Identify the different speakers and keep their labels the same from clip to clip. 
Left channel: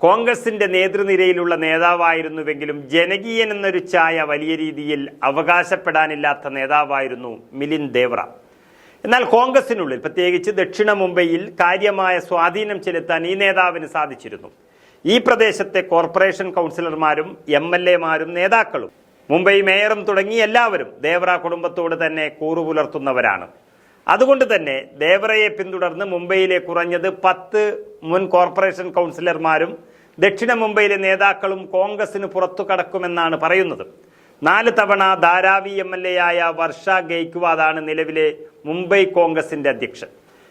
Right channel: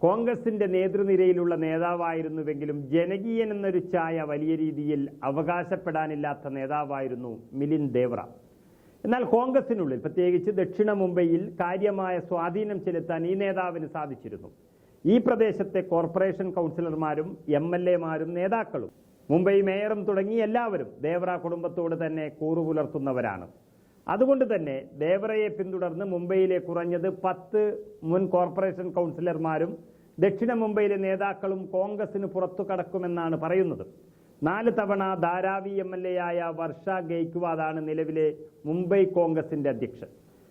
Speaker 1: കോൺഗ്രസിന്റെ നേതൃനിരയിലുള്ള നേതാവായിരുന്നുവെങ്കിലും ജനകീയൻ എന്നൊരു ഛായ വലിയ രീതിയിൽ അവകാശപ്പെടാനില്ലാത്ത നേതാവായിരുന്നു മിലിൻ ദേവ്ര എന്നാൽ കോൺഗ്രസിനുള്ളിൽ പ്രത്യേകിച്ച് ദക്ഷിണ മുംബൈയിൽ കാര്യമായ സ്വാധീനം ചെലുത്താൻ ഈ നേതാവിന് സാധിച്ചിരുന്നു. ഈ പ്രദേശത്തെ കോർപ്പറേഷൻ കൗൺസിലർമാരും എം എൽ എമാരും നേതാക്കളും മുംബൈ മേയറും തുടങ്ങി എല്ലാവരും ദേവ്ര കുടുംബത്തോട് തന്നെ കൂറു പുലർത്തുന്നവരാണ് അതുകൊണ്ട് തന്നെ ദേവറയെ പിന്തുടർന്ന് മുംബൈയിലെ കുറഞ്ഞത് പത്ത് മുൻ കോർപ്പറേഷൻ കൗൺസിലർമാരും ദക്ഷിണ മുംബൈയിലെ നേതാക്കളും കോൺഗ്രസിന് പുറത്തു കടക്കുമെന്നാണ് പറയുന്നത്. നാല് തവണ ധാരാവി എം എൽ എ ആയ വർഷ ഗെയ്ക്വാദാണ് നിലവിലെ മുംബൈ കോൺഗ്രസിന്റെ അധ്യക്ഷൻ.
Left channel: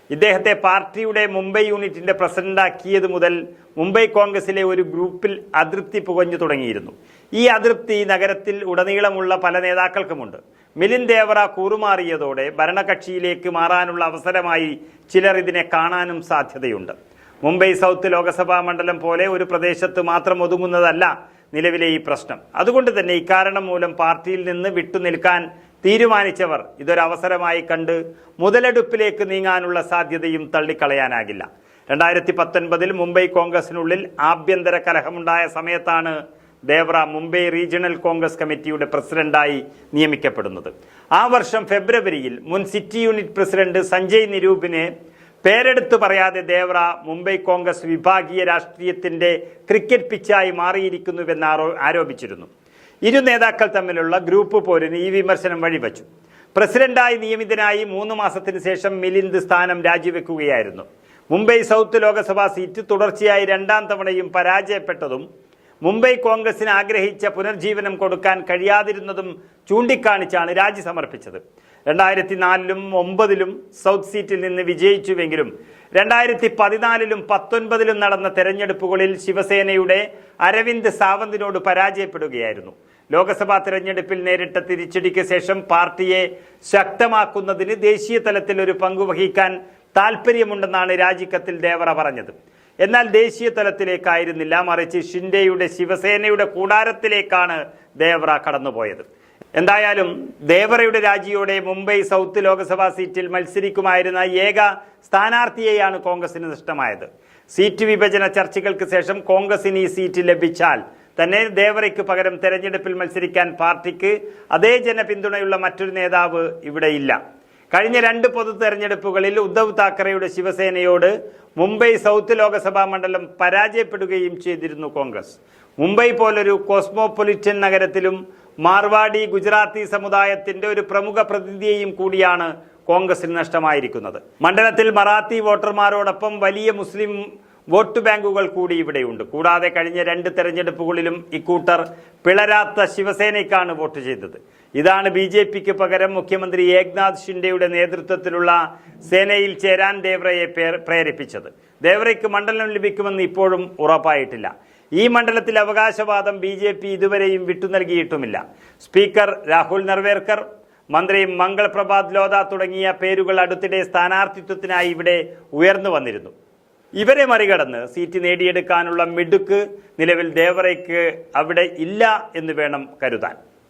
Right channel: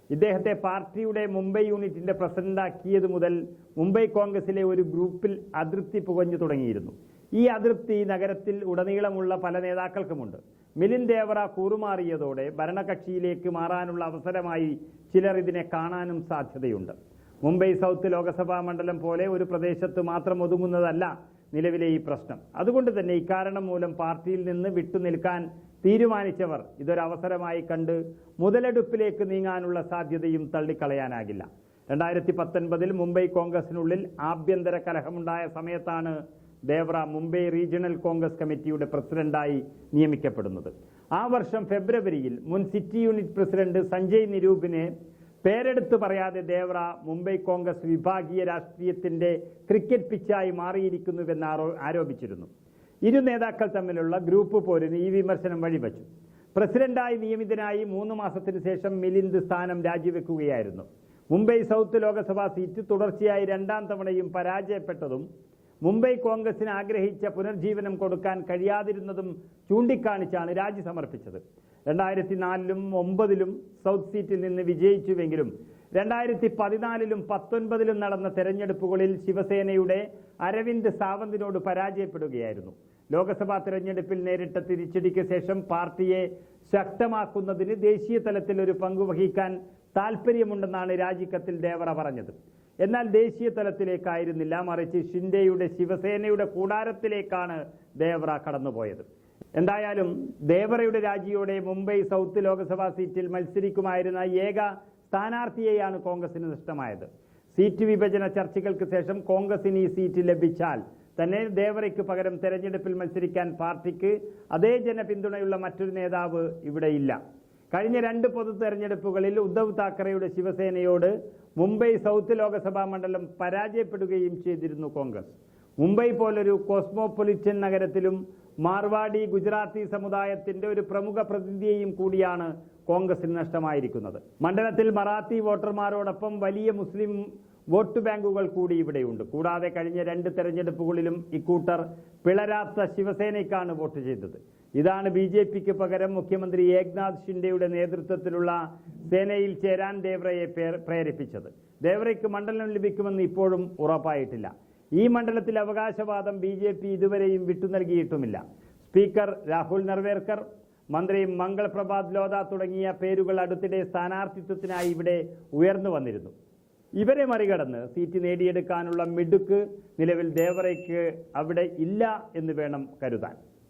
Speaker 1: ഇദ്ദേഹത്തെ പാർട്ടിയുടെ മുംബൈ യൂണിറ്റിന്റെ പ്രസിഡന്റാക്കിയത് മുതൽ മുംബൈ കോൺഗ്രസിലെ ഒരു ഗ്രൂപ്പിൽ അതൃപ്തി പുകഞ്ഞു തുടങ്ങിയിരുന്നു. ഈ അതൃപ്തി നഗരത്തിൽ ഉടനീളമുള്ള പല നേതാക്കൾക്കുമുണ്ട്. മിലിന്ദ് ദേവറ കൂറുമാറിയതോടെ ഭരണകക്ഷിയിലേക്ക് മാറാനുള്ള അവസരമായി ചിലർ ഇതിനെ കാണാനും സാധ്യതയുണ്ട്. മുംബൈ സൗത്ത് ലോക്സഭാ മണ്ഡലം പോലെ ഒരു പ്രദേശത്ത് മാത്രം ഒതുങ്ങുന്നതല്ല നിലവിലെ ഈ പ്രശ്നം. അതുകൊണ്ട് തന്നെ ഇക്കാരണം മൂലം പാർട്ടിയിൽ നിന്ന് വിട്ടുനിൽക്കാൻ തീരുമാനിച്ചവർ ഇതൊരവസരമായി കണ്ട് മുതലെടുപ്പിലേക്ക് നീങ്ങാനുള്ള സാധ്യതയും തള്ളിക്കളയാനാകില്ല. രണ്ടായിരത്തി പത്തൊൻപതിൽ മുംബൈ കോൺഗ്രസിനുള്ളിൽ ആഭ്യന്തര കലഹമുണ്ടായ സമയത്താണ് ദേവ്ര മുംബൈ റീജിയണൽ കോൺഗ്രസ് കമ്മിറ്റിയുടെ പ്രസിഡന്റായി നിയമിക്കപ്പെടുന്നത്. ആ വർഷം ഫെബ്രുവരിയിൽ മുൻ സിറ്റി യൂണിറ്റ് പ്രസിഡന്റ് സഞ്ജയ് നിരൂപിനെ പേരെടുത്തു പറയാതെ ദേവ്ര മുംബൈ കോൺഗ്രസ് വിഭാഗീയ രാഷ്ട്രീയത്തിന്റെ ക്രിക്കറ്റ് പിച്ചായി മാറിയിരിക്കുന്നുവെന്ന് ആരോ ആരോപിച്ചിരുന്നു. ഇരു നേതാക്കൾ തമ്മിലുള്ള ഗ്രൂപ്പ് പോരിന് ഈ വിമർശനം വഴിവെച്ചു. പ്രസിഡന്റായി നിയമിതനായി മൂന്ന് മാസത്തിന് ശേഷം മിലിന്ദ് സ്ഥാനം രാജിവെക്കുകയായിരുന്നു. മുംബൈ സൗത്ത് ലോക്സഭാ സീറ്റ് തുടർച്ചയായി രണ്ടാം തവണയും പരാജയപ്പെട്ടതും മുംബൈ കോൺഗ്രസിന് ആഗ്രഹിച്ച പുനർജീവനം കൊടുക്കാൻ കഴിയാതിരുന്നതും ചൂണ്ടിക്കാണിച്ചാണ് രാജി സമർപ്പിച്ചത്. രണ്ടായിരത്തി നാലിലും ഒമ്പതിലും സൗത്ത് സീറ്റിൽ നിന്ന് വിജയിച്ചുവെങ്കിലും രണ്ടായിരത്തി പതിനാലിലും പത്തൊൻപതിലും നടന്ന തെരഞ്ഞെടുപ്പുകളിൽ ശിവസേനയുടെ അരവിന്ദ് സാവന്തിനോട് പരാജയപ്പെടുകയായിരുന്നു. ലോക്സഭാ തെരഞ്ഞെടുപ്പിൽ നേരിട്ട തിരിച്ചടിക്ക് ശേഷം പാർട്ടിയെ ശക്തമാക്കുന്നതിന് ദേശീയ തലത്തിൽ ഒരു പങ്കുവഹിക്കാൻ താൽപ്പര്യമുണ്ടെന്നാണ് രാജിക്കത്തിൽ ദേവറ പറഞ്ഞത്. എന്നാൽ ദേശീയ തലത്തിലേക്കായിരുന്നില്ല. മറിച്ച് ഷിൻഡെയുടെ ശിവസേനയുടെ കൂടാരത്തിലേക്കാണ് ദേവറ കടന്നുപോയത്. എന്തായാലും ദേവറയുടെ രാജിയോടെ മുംബൈ സൗത്ത് ലോക്സഭാ സീറ്റിൽ മത്സരിക്കുമായിരുന്ന ഏക സ്ഥാനാർത്ഥിയെയാണ് കോൺഗ്രസിന് നഷ്ടമായത്. സീറ്റ് വിഭജന ചർച്ചകൾക്ക് ശേഷം കോൺഗ്രസിന് ഈ സീറ്റ് ലഭിച്ചാൽ തന്നെ ദേവറയ്ക്ക് പകരം തെരഞ്ഞെടുപ്പിൽ മത്സരിക്കാൻ പാർട്ടിക്ക് അതേ ജനപിന്തുണയുള്ള മറ്റൊരു നേതാവ് ഇവിടെയില്ല. കഴിഞ്ഞ രണ്ട് പൊതു തെരഞ്ഞെടുപ്പുകളിൽ ഉദ്ധവ് താക്കറെയുടെ ശിവസേനയോട് മുംബൈ സൗത്ത് ലോക്സഭാ മണ്ഡലം പരാജയപ്പെടുകയും ചെയ്തിരുന്നു കോൺഗ്രസ്. മുംബൈ പോലൊരു കോസ്മോപൊളിറ്റൻ നഗരത്തിലും മാർവാടി ഗുജറാത്തി സമുദായത്തിന്റെ ഒരു പ്രമുഖ പ്രതിനിധിയെയും കൂടിയാണ് കോൺഗ്രസിന് നഷ്ടമായിരിക്കുന്നത്. മണ്ഡലത്തിൽ മറാത്തി വോട്ടർമാരോടൊപ്പം വലിയ മുസ്ലിം വോട്ട് ബാങ്കുകൾ കൂടി ഇവിടെയുണ്ട്. കൂടാതെ കഴിഞ്ഞ രണ്ട് തെരഞ്ഞെടുപ്പുകളിലും ഇക്കൂട്ടർ പിളരാത്ത ശിവസേനയ്ക്കാണ് വോട്ട് ചെയ്തത്. ഇതാണ് ബി ജെ പിക്ക് പകരം മുഖ്യമന്ത്രി ഏക്നാഥ് ഷിൻഡെയുടെ നേതൃത്വത്തിലുള്ള സേനയിൽ ചേരാൻ ദേവ്രയെ പ്രേരിപ്പിച്ചത്. ദേവ്രയ്ക്ക് മണ്ഡലം ലഭിക്കുമെന്ന് ഇപ്പോഴും ഉറപ്പായിട്ടില്ല. ഈ മണ്ഡലത്തിൽ അവകാശവാദം ബി ജെ പി ഇതുവരെയും വിട്ടു നൽകിയിട്ടുമില്ല. സ്പീക്കർ രാഹുൽ നർവേർക്കർ മന്ത്രി മംഗൾ പ്രഭാത് ലോധ തുടങ്ങിയ പേരുകൾ അടുത്തിടെ സ്ഥാനാർത്ഥിത്വത്തിനായി ഇവിടെ ഉയർന്നു വന്നിരുന്നു. ഇവരെ മറികടന്ന് സീറ്റ് നേടിയെടുക്കാനുള്ള മിടുക്ക് നിലവിൽ ദേവറയ്ക്ക് അവിടെ ഇല്ല എന്ന് വേണം കരുതാൻ.